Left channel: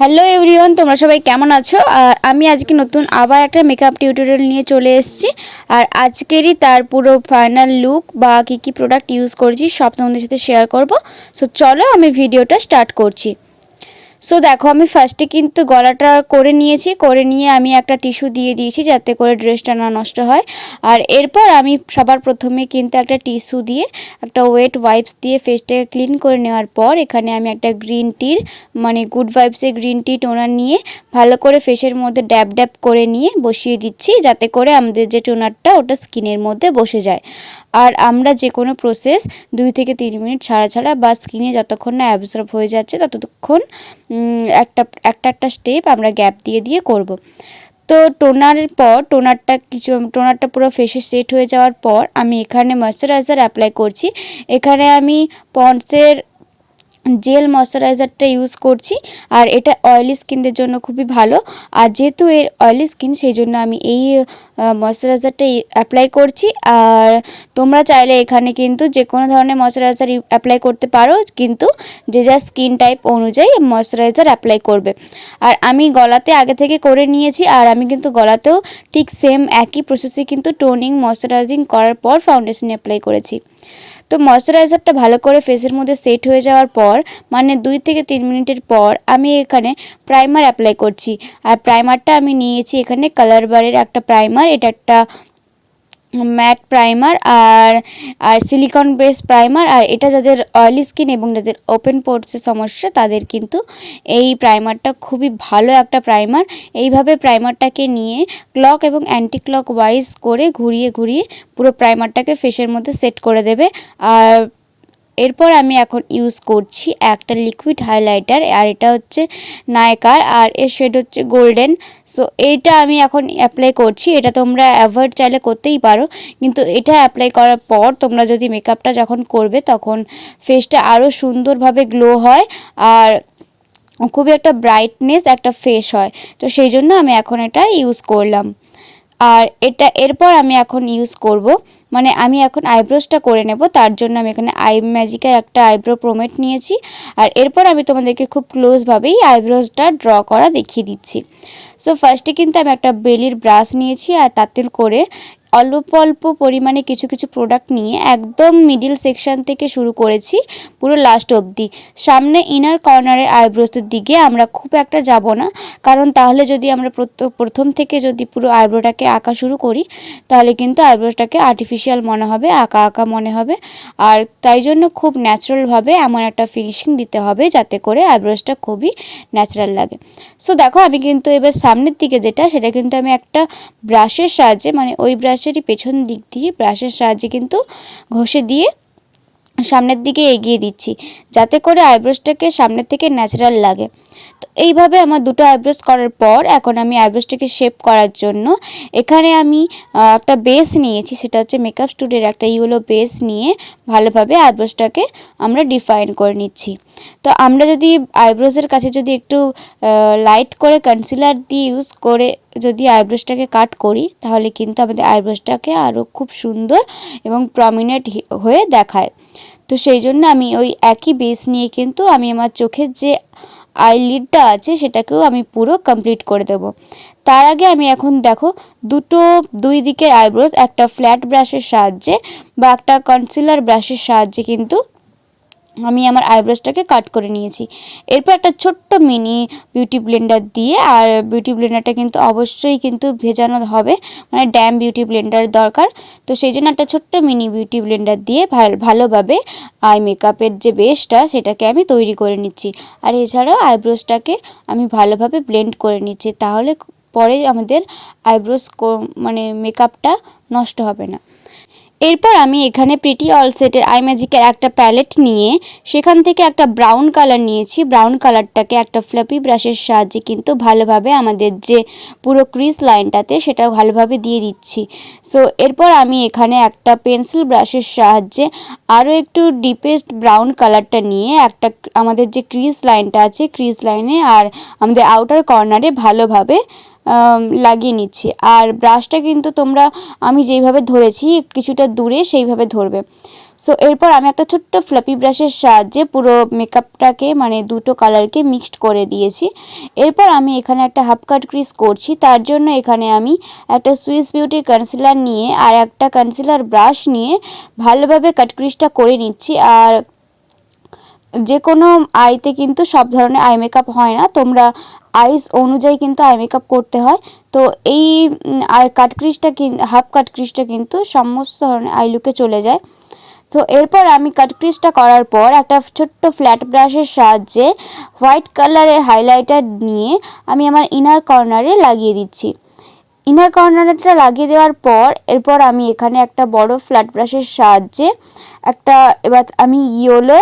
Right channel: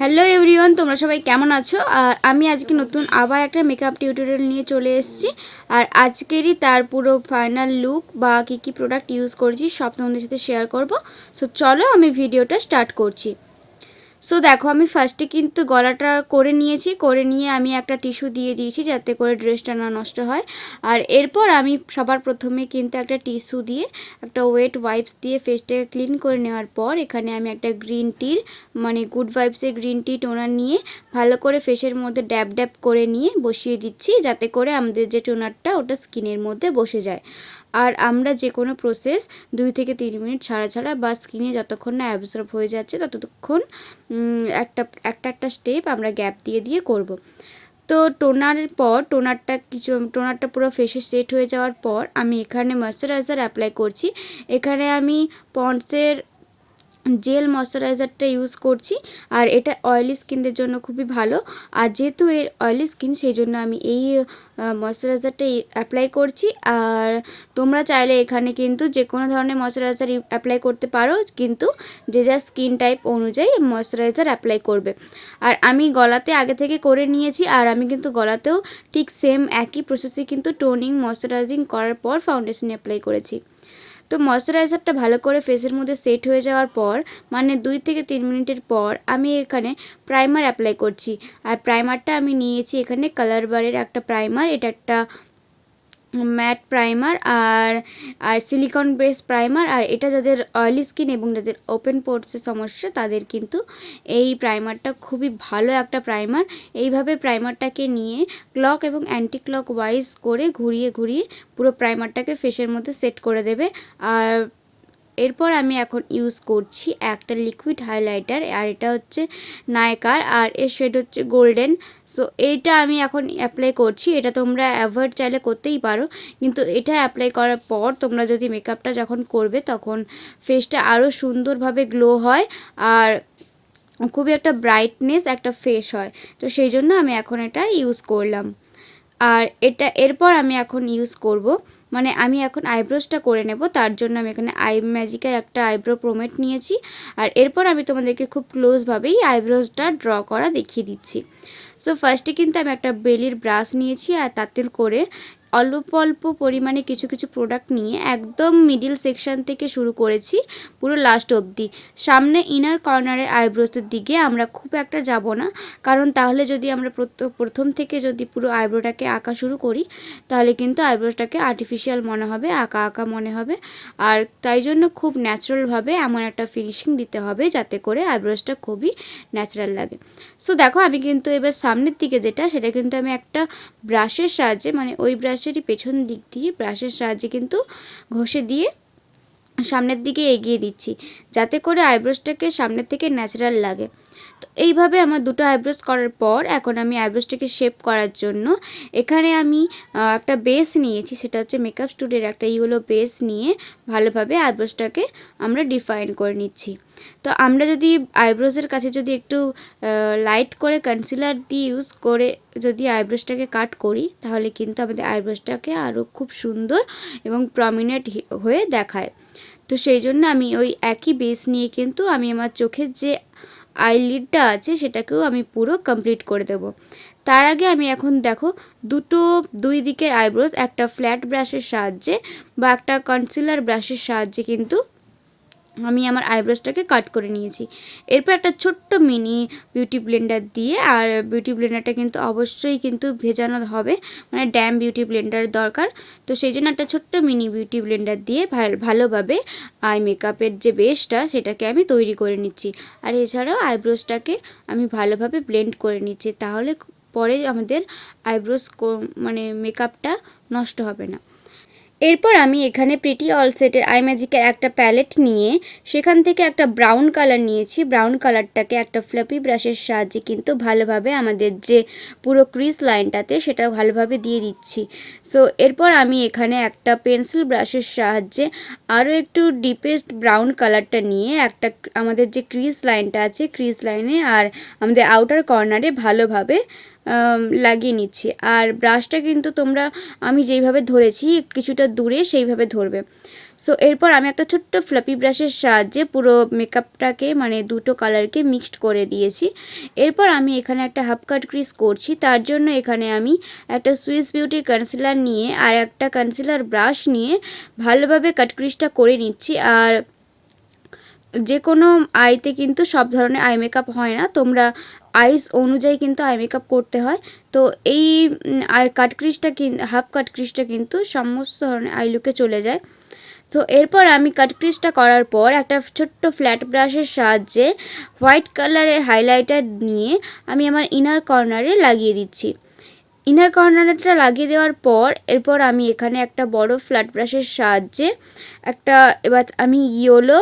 Hello everyone, তোমরা সবাই কেমন আছো? আর আমি আজকে নতুন আবার একটা মেকআপ টিউটোরিয়াল নিয়ে চলে এসেছি। আর আজকেরই তার পুরো ফাইনাল লুক বা কী কী প্রোডাক্ট ইউজ করেছি সব তোমাদের সাথে শেয়ার করব। সো চলো আমি ভিডিওটা স্টার্ট করছি। সো দেখো, আমি ফার্স্টে কিন্তু গলাটা করে নিয়েছি, করে নিয়ে আমি একটা টিস্যু দিয়ে দিয়েছি যাতে করে ড্রেসটা না নষ্ট হয়। আর এরপর আমি সবার প্রথমে কিন্তু একটা টিস্যু দিয়ে একটা ওয়েট ওয়াইপস দিয়ে ফেসটাকে ক্লিন করে নেওয়ার পর এখানে আমি একটা গ্রিন টির মানে গুড ভাইবসের গ্রিন টি টোনার নিয়ে ভালো করে ফেসের মধ্যে ড্যাব ড্যাব করে নিয়ে বসিয়ে দিচ্ছি যাতে করে আমাদের যে টোনারটা ওটা স্কিনের মধ্যে বসে যায়। আর আমরা যে কোনো প্রসেস 2 থেকে 3 মিনিট ছাড়া ছাড়া বা স্কিনে যতক্ষণ না অ্যাবজর্ব হয়ে যাচ্ছে ততক্ষণ একটা স্টেপ আমরা গ্যাপ দিয়ে দিয়ে করব। তো টোনারের পর টোনারটা পুরো ফেসে সেট হয়ে যাওয়ার পর আমি এখানে ময়শ্চারাইজার অ্যাপ্লাই করছি। এখানে আমি পন্ডসের জেল ময়শ্চারাইজারটা ইউজ করছি। আর এটা অয়েলি স্কিনদের জন্য খুবই ভালো। আর যেহেতু এর অয়েলি স্কিন সেই জন্য আমি এই ময়শ্চারাইজারটা অ্যাপ্লাই করছি। আর তোমরা চাইলে এখানে কিন্তু যে কোনো ধরনের ময়শ্চারাইজার অ্যাপ্লাই করতে পারো, কিন্তু যে যা স্কিন টাইপ অনুযায়ী ময়শ্চারাইজার অ্যাপ্লাই করবে। আর আমি গলাতে আগে থেকে করে নিয়েছি, আর আমি কিন্তু গলাতেও ঠিক সেম একই প্রসেসে কিন্তু টোনিং ময়শ্চারাইজিং করার পর ফাউন্ডেশন অ্যাপ্লাই করেছি। তো ময়শ্চারাইজারটা ভালো করে ফেসের মধ্যে সেট হয়ে যাওয়ার পর মানে 2 থেকে 3 মিনিটের পর আমি এখানে প্রাইমার অ্যাপ্লাই করছি। আর প্রাইমারটা আমি নিয়েছি এখানে কালার বারের একটা প্রাইমার। এটা একটা ম্যাট প্রাইমার আর সিলিকন বেস প্রাইমার। আর এটা যাদের অয়েলি স্কিন এবং যাদের ওপেন পোর্সের সমস্যা তাদের কিন্তু এই প্রাইমারটা খুবই ভালো একটা প্রাইমার। এইভাবে প্রাইমারটাকে নিয়ে ক্লক এবং অ্যান্টি ক্লক ওয়াইজ করে ঘুরিয়ে ঘুরিয়ে পুরো প্রাইমারটাকে ফেসের মধ্যে সেট করে দেবে। আর এরপর আমি এখন ইউজ করছি একটা লিকুইড হাইলাইটার। আর এটা হচ্ছে নায়কার আর এর শেড হচ্ছে গোল্ডেন। সো এইটা আমি এখন অ্যাপ্লাই করছি। এটা তোমরা অ্যাভয়েড চাইলে করতেই পারো, কিন্তু এটা অ্যাপ্লাই করার পর তোমরা যদি মেকআপটা যখন করবে তখন ফেসটা আরও সুন্দরভাবে গ্লো হয় আর খুবই একটা ব্রাইটনেস একটা ফেস হয়। তো সেই জন্য আমি এখন এটা ইউজ করলাম। আর এরপর আমি এখন ইউজ করব মানে আমি এখন আইব্রোসটা করে নেব। তার জন্য আমি এখানে আই ম্যাজিকের একটা আইব্রো প্রোমেট নিয়েছি। আর এরপর আমি তোমাদেরকে খুব ক্লোজভাবেই আইব্রোসটা ড্র করা দেখিয়ে দিচ্ছি। সো ফার্স্টে কিন্তু আমি একটা বেলির ব্রাশ নিয়েছি আর তাতে করে অল্প অল্প পরিমাণে কিছু কিছু প্রোডাক্ট নিয়ে একদম মিডিল সেকশন থেকে শুরু করেছি পুরো লাস্ট অবধি। সামনে ইনার কর্নারের আইব্রোসের দিকে আমরা খুব একটা যাব না, কারণ তাহলে যদি আমরা প্রথম থেকে যদি পুরো আইব্রোটাকে আঁকা শুরু করি তাহলে কিন্তু আইব্রোটাকে আর্টিফিশিয়াল মনে হবে, আঁকা আঁকা মনে হবে। আর তাই জন্য খুব ন্যাচারালভাবে এমন একটা ফিনিশিং দিতে হবে যাতে করে আইব্রোসটা খুবই ন্যাচারাল লাগে। সো দেখো, আমি কিন্তু এবার সামনের দিকে সেটা কিন্তু আমি একটা ব্রাশের সাহায্যে মানে ওই ব্রাশেরই পেছন দিক দিয়ে ব্রাশের সাহায্যে কিন্তু ঘষে দিয়ে সামনের দিকে এগিয়ে দিচ্ছি যাতে করে আইব্রোসটাকে সামনের থেকে ন্যাচারাল লাগে। তো এইভাবে আমার দুটো আইব্রোস করার পর এখন আমি আইব্রোসটাকে শেপ করার জন্য এখানে আমি একটা বেস নিয়েছি। সেটা হচ্ছে মেকআপ স্টুডিওর একটা ইয়েলো বেস নিয়ে ভালোভাবে আইব্রোসটাকে আমরা ডিফাইন করে নিচ্ছি। তো আমরা যদি আইব্রোসের কাছে যদি একটু লাইট করে কনসিলার দিয়ে ইউজ করে যদি আইব্রোসটাকে কাট করি তাহলে কিন্তু আমাদের আইব্রোসটাকে আরও খুব সুন্দর এবং প্রমিনেন্ট হয়ে দেখায়। তো সেই জন্য আমি ওই একই বেস নিয়ে কিন্তু আমি আমার চোখের যে আইলিডটা আছে সেটাকেও আমি পুরো কমপ্লিট করে দেব। তার আগে আমি এখন দেখো দুই দিকের আইব্রোস একটা ফ্ল্যাট ব্রাশের সাহায্যে বা একটা কনসিলার ব্রাশের সাহায্যে কিন্তু আমি আমার আইব্রোসটাকে কাট করে নিয়েছি। এরপর একটা ছোট্ট মিনি বিউটি ব্লেন্ডার দিয়ে, আর বিউটি ব্লেন্ডারটা কিন্তু অবশ্যই কিন্তু ভেজানো হবে, মানে ড্যাম বিউটি ব্লেন্ডার দরকার। তো সেই জন্য একটা ছোট্ট মিনি বিউটি ব্লেন্ডার দিয়ে ভালোভাবে আই মেকআপের যে বেসটা সেটাকে আমি তৈরি করে নিচ্ছি। আর এছাড়াও আইব্রোসটাকে আমি ভালোভাবে ব্লেন্ড করে নিচ্ছি, তাহলে পরে আমাদের আইব্রোস মানে মেকআপটা নষ্ট হবে না। এরপর আমি এখানে প্রিটি অল সেটের আই ম্যাজিকের একটা প্যালেট নিয়ে সেখান থেকে একটা ব্রাউন কালার নিয়েছি। ব্রাউন কালারটাকে একটা ফ্লাফি ব্রাশের সাহায্যে কিন্তু ভালোভাবে আমাদের যে পুরো ক্রিজ লাইনটাতে সেটা ভালোভাবে দিয়ে দিচ্ছি। সো এরপর আমি এখানে একটা পেন্সিল ব্রাশের সাহায্যে আরও একটু ডিপেস্ট ব্রাউন কালারটা নিয়ে একটা আমাদের যে ক্রিজ লাইনটা আছে ক্রিজ লাইনে আর আমাদের আউটার কর্নারে ভালোভাবে লাগিয়ে নিচ্ছি। আর ব্রাশটা কিন্তু তোমরা আমি যেইভাবে ধরেছি কিছুটা দূরে সেইভাবে ধরবে। সো এরপর আমি একটা ছোট্ট ফ্লাপি ব্রাশের সাহায্যে পুরো মেকআপটাকে মানে দুটো কালারকে মিক্সড করে দিয়েছি। এরপর আমি এখানে একটা হাফ কাট ক্রিজ করছি। তার জন্য এখানে আমি একটা সুইস বিউটি কনসিলার নিয়ে আর একটা কনসিলার ব্রাশ নিয়ে ভালোভাবে কাট ক্রিজটা করে নিচ্ছি। আর যে কোনো আইতে কিন্তু সব ধরনের আই মেকআপ হয় না, তোমরা আইস অনুযায়ী কিন্তু আই মেকআপ করতে হয়। তো এই কাট ক্রিজটা হাফ কাট ক্রিজটা কিন্তু সমস্ত ধরনের আই লুকে চলে যায়। তো এরপর আমি কাট ক্রিজটা করার পর একটা ছোট্ট ফ্ল্যাট ব্রাশের সাহায্যে হোয়াইট কালারের হাইলাইটার নিয়ে আমি আমার ইনার কর্নারে লাগিয়ে দিচ্ছি। ইনার কর্নারটা লাগিয়ে দেওয়ার পর এরপর আমি এখানে একটা বড় ফ্ল্যাট ব্রাশের সাহায্যে এবার আমি ইয়েলো,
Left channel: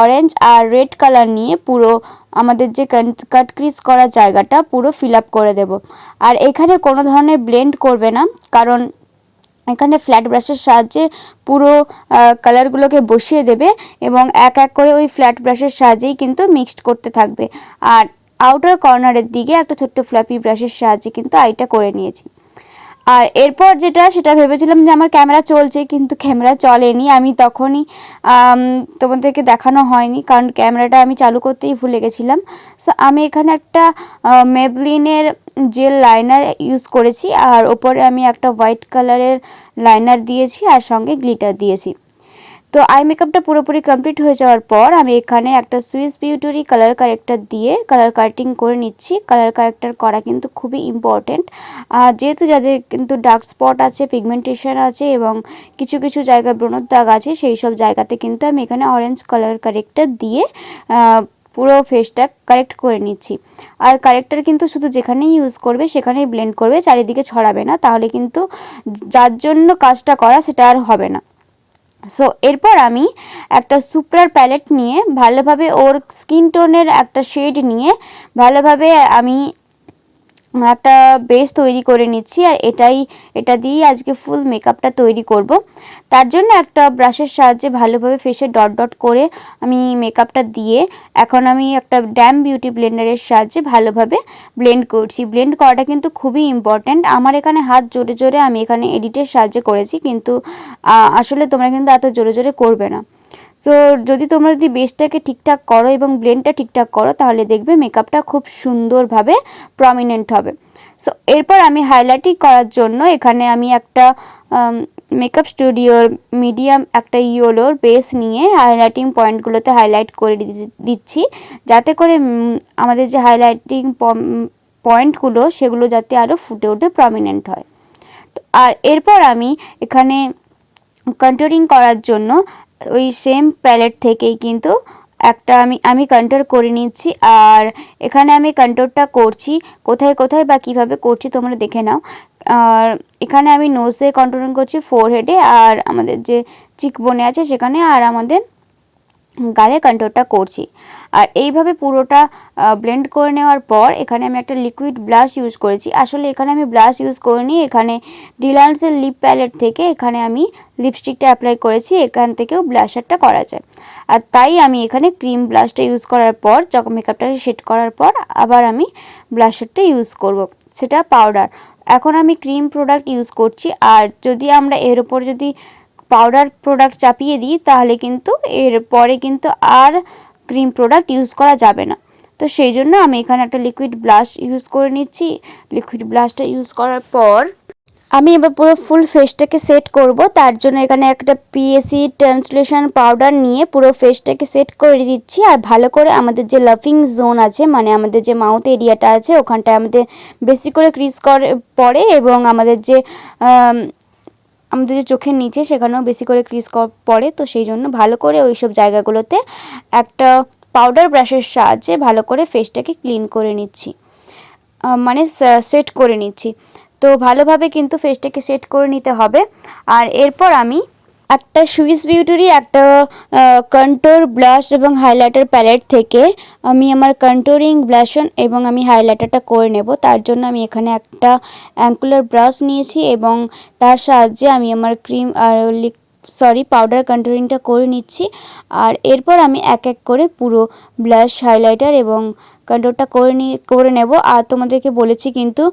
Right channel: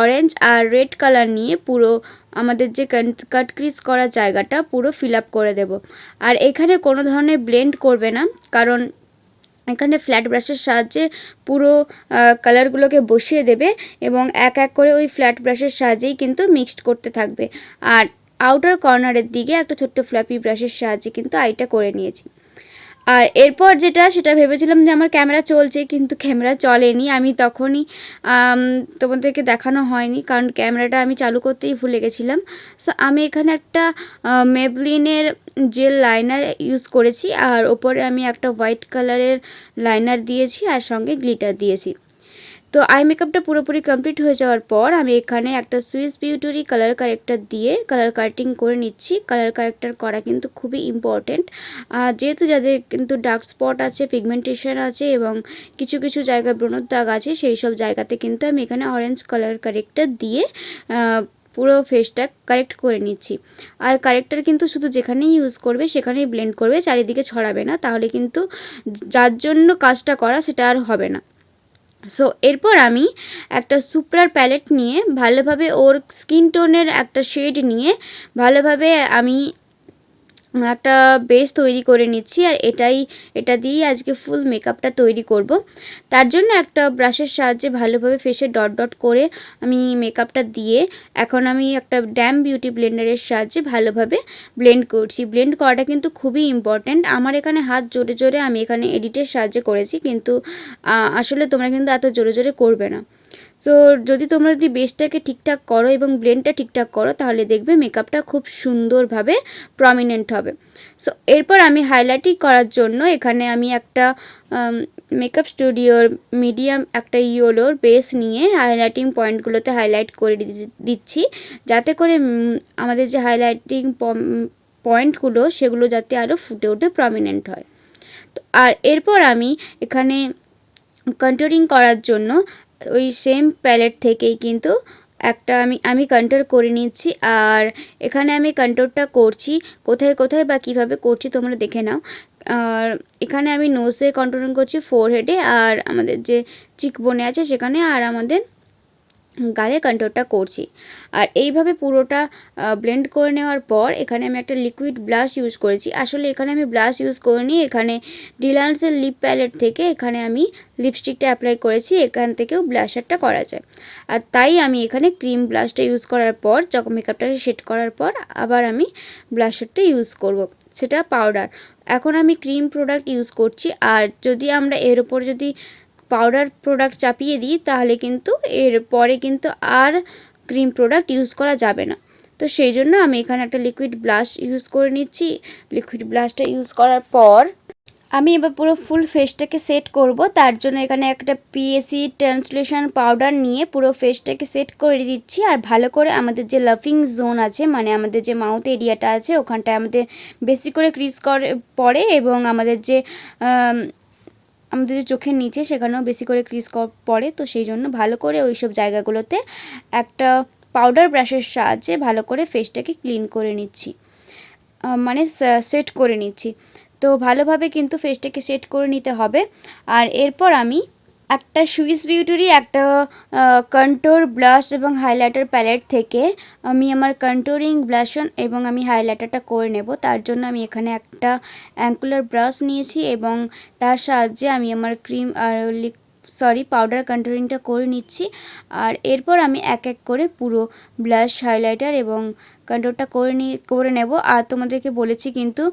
অরেঞ্জ আর রেড কালার নিয়ে পুরো আমাদের যে কাট ক্রিজ করা জায়গাটা পুরো ফিল আপ করে দেব। আর এখানে কোনো ধরনের ব্লেন্ড করবে না, কারণ এখানে ফ্ল্যাট ব্রাশের সাহায্যে পুরো কালারগুলোকে বসিয়ে দেবে এবং এক এক করে ওই ফ্ল্যাট ব্রাশের সাহায্যেই কিন্তু মিক্সড করতে থাকবে। আর আউটার কর্নারের দিকে একটা ছোট্ট ফ্ল্যাপি ব্রাশের সাহায্যে কিন্তু আইটা করে নিয়েছি। আর এরপর সেটা ভেবেছিলাম যে আমার ক্যামেরা চলছে, কিন্তু ক্যামেরা চলেনি। আমি তখনই তোমাদেরকে দেখানো হয়নি, কারণ ক্যামেরাটা আমি চালু করতেই ভুলে গেছিলাম। সো আমি এখানে একটা মেবলিনের জেল লাইনার ইউজ করেছি আর ওপরে আমি একটা হোয়াইট কালারের লাইনার দিয়েছি আর সঙ্গে গ্লিটার দিয়েছি। তো আই মেকআপটা পুরোপুরি কমপ্লিট হয়ে যাওয়ার পর আমি এখানে একটা সুইস বিউটির কালার কারেক্টার দিয়ে কালার কারেক্টিং করে নিচ্ছি। কালার কারেক্টার করা কিন্তু খুবই ইম্পর্টেন্ট, যেহেতু যাদের কিন্তু ডার্ক স্পট আছে, পিগমেন্টেশন আছে এবং কিছু কিছু জায়গায় ব্রণের দাগ আছে, সেই সব জায়গাতে কিন্তু আমি এখানে অরেঞ্জ কালার কারেক্টার দিয়ে পুরো ফেসটা কারেক্ট করে নিচ্ছি। আর কারেক্টার কিন্তু শুধু যেখানেই ইউজ করবে সেখানেই ব্লেন্ড করবে, চারিদিকে ছড়াবে না, তাহলে কিন্তু যার জন্য কাজটা করা সেটা আর হবে না। সো এরপর আমি একটা সুপ্রার প্যালেট নিয়ে ভালোভাবে ওর স্কিন টোনের একটা শেড নিয়ে ভালোভাবে আমি একটা বেস তৈরি করে নিচ্ছি। আর এটা দিয়েই আজকে ফুল মেকআপটা তৈরি করব। তার জন্য একটা ব্রাশের সাহায্যে ভালোভাবে ফেসে ডট ডট করে আমি মেকআপটা দিয়ে এখন আমি একটা ড্যাম বিউটি ব্লেন্ডারের সাহায্যে ভালোভাবে ব্লেন্ড করছি। ব্লেন্ড করাটা কিন্তু খুবই ইম্পর্ট্যান্ট। আমার এখানে হাত জোরে জোরে আমি এখানে এডিটের সাহায্যে করেছি, কিন্তু আসলে তোমরা কিন্তু এত জোরে জোরে করবে না। সো তোমরা যদি বেসটাকে ঠিকঠাক করো এবং ব্লেন্ডটা ঠিকঠাক করো, তাহলে দেখবে মেকআপটা খুব সুন্দরভাবে প্রমিনেন্ট হবে। সো এরপর আমি হাইলাইটিং করার জন্য এখানে আমি একটা মেকআপ স্টুডিওর মিডিয়াম একটা ইয়েলোর বেস নিয়ে হাইলাইটিং পয়েন্টগুলোতে হাইলাইট করে দিচ্ছি, যাতে করে আমাদের যে হাইলাইটিং পয়েন্টগুলো সেগুলো যাতে আরও ফুটে উঠে প্রমিনেন্ট হয়। আর এরপর আমি এখানে কন্ট্যুরিং করার জন্য ওই সেম প্যালেট থেকেই কিন্তু একটা আমি কন্ট্যুর করে নিচ্ছি। আর এখানে আমি কন্ট্যুরটা করছি কোথায় কোথায় বা কীভাবে করছি তোমরা দেখে নাও। আর এখানে আমি নোজে কন্ট্যুরিং করছি, ফোরহেডে আর আমাদের যে চিকবোনে আছে সেখানে, আর আমাদের গালে কন্ট্যুরটা করছি। আর এইভাবে পুরোটা ব্লেন্ড করে নেওয়ার পর এখানে আমি একটা লিকুইড ব্লাশ ইউজ করেছি। আসলে এখানে আমি ব্লাশ ইউজ করিনি, এখানে ডিলান্সের লিপ প্যালেট থেকে এখানে আমি লিপস্টিকটা অ্যাপ্লাই করেছি, এখান থেকেও ব্লাশারটা করা যায়। আর তাই আমি এখানে ক্রিম ব্লাশটা ইউজ করার পর যখন মেকআপটাকে সেট করার পর আবার আমি ব্লাশারটা ইউজ করব, সেটা পাউডার। এখন আমি ক্রিম প্রোডাক্ট ইউজ করছি। আর যদি আমরা এর ওপর যদি পাউডার প্রোডাক্ট চাপিয়ে দিই তাহলে কিন্তু এর পরে কিন্তু আর ক্রিম প্রোডাক্ট ইউজ করা যাবে না। তো সেই জন্য আমি এখানে একটা লিকুইড ব্লাশ ইউজ করে নিচ্ছি। লিকুইড ব্লাশটা ইউজ করার পর আমি এবার পুরো ফুল ফেসটাকে সেট করব। তার জন্য এখানে একটা পিএসি ট্রান্সলেশন পাউডার নিয়ে পুরো ফেসটাকে সেট করে দিচ্ছি। আর ভালো করে আমাদের যে লাফিং জোন আছে, মানে আমাদের যে মাউথ এরিয়াটা আছে, ওখানটায় আমাদের বেশি করে ক্রিজ পড়ে এবং আমাদের যে চোখের নিচে সেখানেও বেশি করে ক্রিজ পড়ে। তো সেই জন্য ভালো করে ওই সব জায়গাগুলোতে একটা পাউডার ব্রাশের সাহায্যে ভালো করে ফেসটাকে ক্লিন করে নিচ্ছি, মানে সেট করে নিচ্ছি। তো ভালোভাবে কিন্তু ফেসটাকে সেট করে নিতে হবে। আর এরপর আমি একটা সুইস বিউটিরই একটা কন্ট্যুর ব্লাশ এবং হাইলাইটার প্যালেট থেকে আমি আমার কন্ট্যুরিং ব্লাশন এবং আমি হাইলাইটারটা করে নেব। তার জন্য আমি এখানে একটা অ্যাঙ্গুলার ব্রাশ নিয়েছি এবং তার সাহায্যে আমি আমার ক্রিম আর পাউডার কন্ট্যুরিংটা করে নিচ্ছি। আর এরপর আমি এক এক করে পুরো ব্লাশ, হাইলাইটার এবং কন্ট্যুরটা করে নেব। আর তোমাদেরকে বলেছি কিন্তু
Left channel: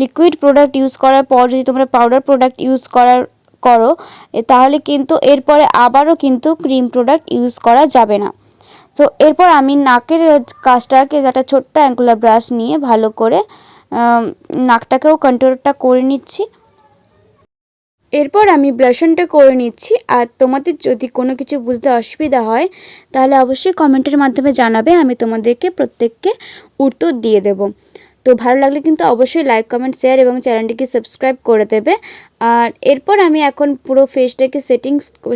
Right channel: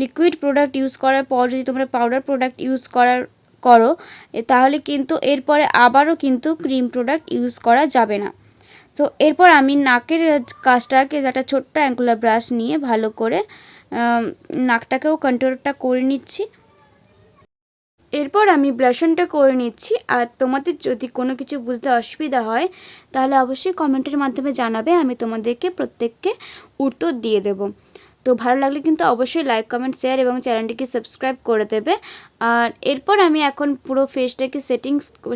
লিকুইড প্রোডাক্ট ইউজ করার পর যদি তোমরা পাউডার প্রোডাক্ট ইউজ করো তাহলে কিন্তু এরপরে আবারও কিন্তু ক্রিম প্রোডাক্ট ইউজ করা যাবে না। তো এরপর আমি নাকের কাজটাকে একটা ছোট্ট অ্যাঙ্গুলার ব্রাশ নিয়ে ভালো করে নাকটাকেও কন্ট্রোলটা করে নিচ্ছি। এরপর আমি ব্লাশনটা করে নিচ্ছি। আর তোমাদের যদি কোনো কিছু বুঝতে অসুবিধা হয় তাহলে অবশ্যই কমেন্টের মাধ্যমে জানাবে, আমি তোমাদেরকে প্রত্যেককে উত্তর দিয়ে দেব। তো ভালো লাগলে কিন্তু অবশ্যই লাইক কমেন্ট শেয়ার এবং চ্যানেলটিকে সাবস্ক্রাইব করে দেবে। আর এরপর আমি এখন পুরো ফেসটাকে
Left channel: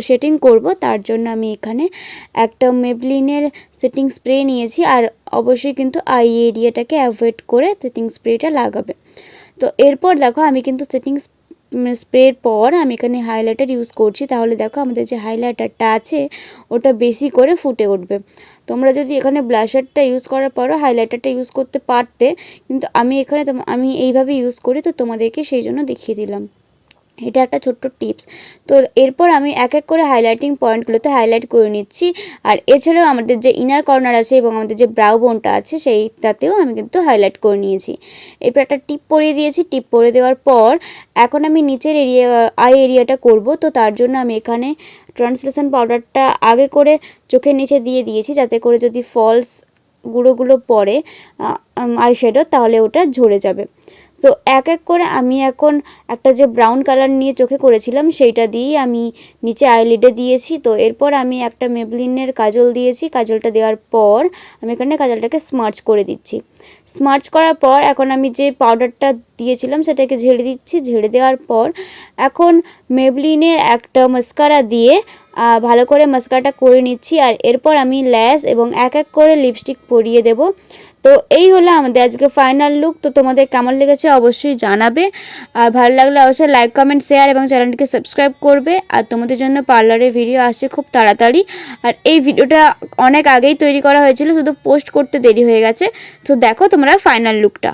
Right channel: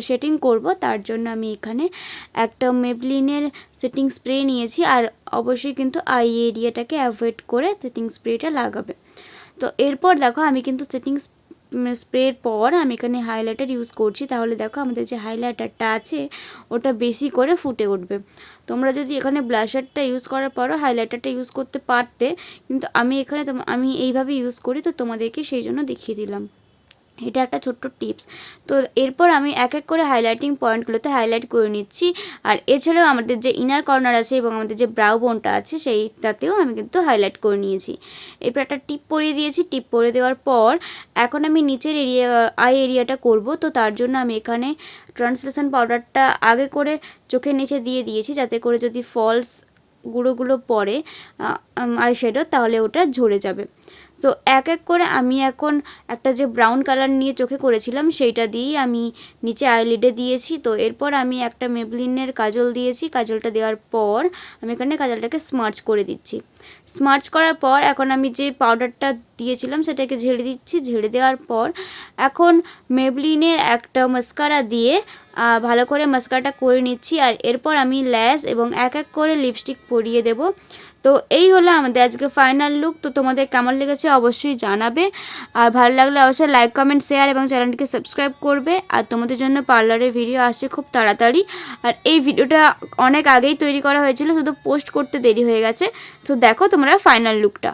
সেটিং করব। তার জন্য আমি এখানে একটা মেবলিনের সেটিং স্প্রে নিয়েছি। আর অবশ্যই কিন্তু আই এরিয়াটাকে অ্যাভয়েড করে সেটিং স্প্রেটা লাগাবে। তো এরপর দেখো আমি কিন্তু সেটিং স্প্রের পর আমি এখানে হাইলাইটার ইউজ করছি। তাহলে দেখো আমাদের যে হাইলাইটারটা আছে ওটা বেশি করে ফুটে উঠবে। তোমরা যদি এখানে ব্লাশারটা ইউজ করার পরও হাইলাইটারটা ইউজ করতে পারতে, কিন্তু আমি এখানে আমি এইভাবে ইউজ করি, তো তোমাদেরকে সেই জন্য দেখিয়ে দিলাম। এটা একটা ছোট্ট টিপস। তো এরপর আমি এক এক করে হাইলাইটিং পয়েন্টগুলোতে হাইলাইট করে নিচ্ছি। আর এছাড়াও আমাদের যে ইনার কর্নার আছে এবং আমাদের যে ব্রাউ বোনটা আছে সেইটাতেও আমি কিন্তু হাইলাইট করে নিয়েছি। এরপর একটা টিপ পরিয়ে দিয়েছি। টিপ পরিয়ে দেওয়ার পর এখন আমি নিচের আই এরিয়াটা করব। তো তার জন্য আমি এখানে ট্রান্সলেশন পাউডারটা আগে করে চোখের নিচে দিয়ে দিয়েছি, যাতে করে যদি ফলস গুঁড়োগুলো পড়ে আইশ্যাডো তাহলে ওটা ঝরে যাবে। তো এক এক করে আমি এখন একটা যে ব্রাউন কালার নিয়ে চোখে করেছিলাম সেইটা দিয়েই আমি নিচে আইলিডে দিয়েছি। তো এরপর আমি একটা মেবলিনের কাজল দিয়েছি। কাজলটা দেওয়ার পর আমি এখানে কাজলটাকে স্মার্চ করে দিচ্ছি। স্মার্চ করার পর এখন আমি যে পাউডারটা দিয়েছিলাম সেটাকে ঝেড়ে দিচ্ছি। ঝেড়ে দেওয়ার পর এখন মেবলিনের একটা মাস্কারা দিয়ে ভালো করে মাস্কারাটা করে নিচ্ছি। আর এরপর আমি ল্যাশ এবং এক এক করে লিপস্টিক পরিয়ে দেব। তো এই হলো আমাদের আজকে ফাইনাল লুক। তো তোমাদের কেমন লেগেছে অবশ্যই জানাবে। আর ভালো লাগলে অবশ্যই লাইক কমেন্ট শেয়ার এবং চ্যানেলটিকে সাবস্ক্রাইব করবে। আর তোমাদের জন্য পার্লারের ভিডিও আসছে খুব তাড়াতাড়ি। আর এই ভিডিওটা অনেক আগেই তৈরি করা হয়েছিল, শুধু পোস্ট করতে দেরি হয়ে গেছে। তো দেখো তোমরা ফাইনাল লুকটা।